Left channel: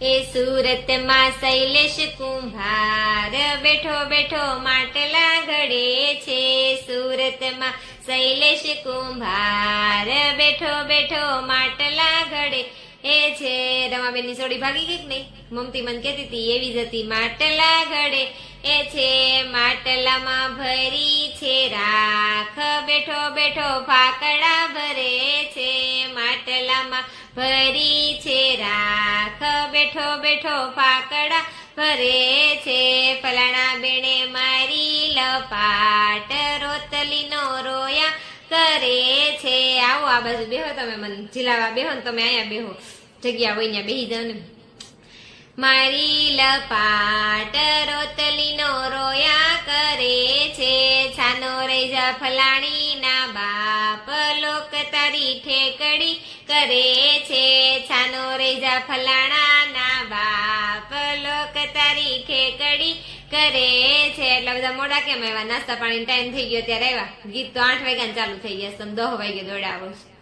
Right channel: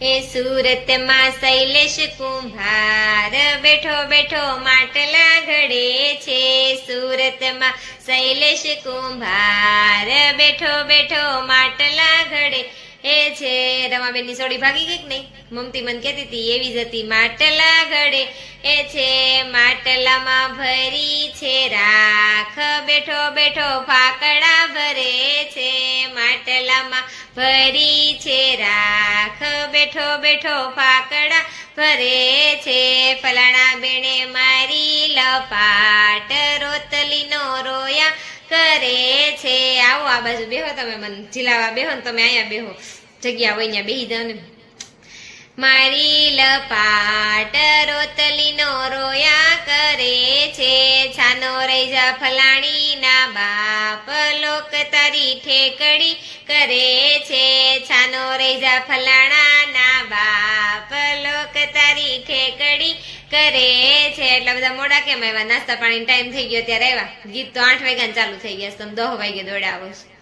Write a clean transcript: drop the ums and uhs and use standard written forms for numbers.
એ સુરતમાં શૈલેષ કુંભાર બેઠો બેઠો માટલા ઘડે છે. સુરતમાં શૈલેષ કુંભાર બેઠો બેઠો માટલા ઘડે એ છે. રમાબેનની સોડી ભાગી ગઈ કે નહીં? મમતી મને કહેતી હતી એવી જ હતી. માટલા ઘડે એ છે. માટલામાં ભરી છે રાખ બેઠો બેઠો ફાકડા ભરે છે. માટલામાં ભરી છે રાખ બેઠો બેઠો ફાકડા ભરે છે. ફલાણા બેને મારી લપાટ રોતલીનો રોયા કરે છે. આવો આ બાજુ બેહો, તમે મને ઝીલાવા બેહો ને તમે અહીંયા બેહો, જગ્યા હોય ત્યાં બેહી જાઓ ને. મારી લપાટ રોતલીનો રોયા કરે છે. છાનો રહી જા ફલાણી ના બાપ લોક તારી ઠેકડી કરે છે. છાનો રહી જા ફલાણા ના બાપ લોક તારી ઠેકડી કરે છે. એટલા બધા મોડા કેમ આવ્યા? નાસ્તા પાણી ટાઈમ થઈ ગયો ત્યારે આવ્યા. ગીત તો 8 વાગ્યા ચાલુ થઈ ગયા, તમે 10 વાગે દોડાવો છો.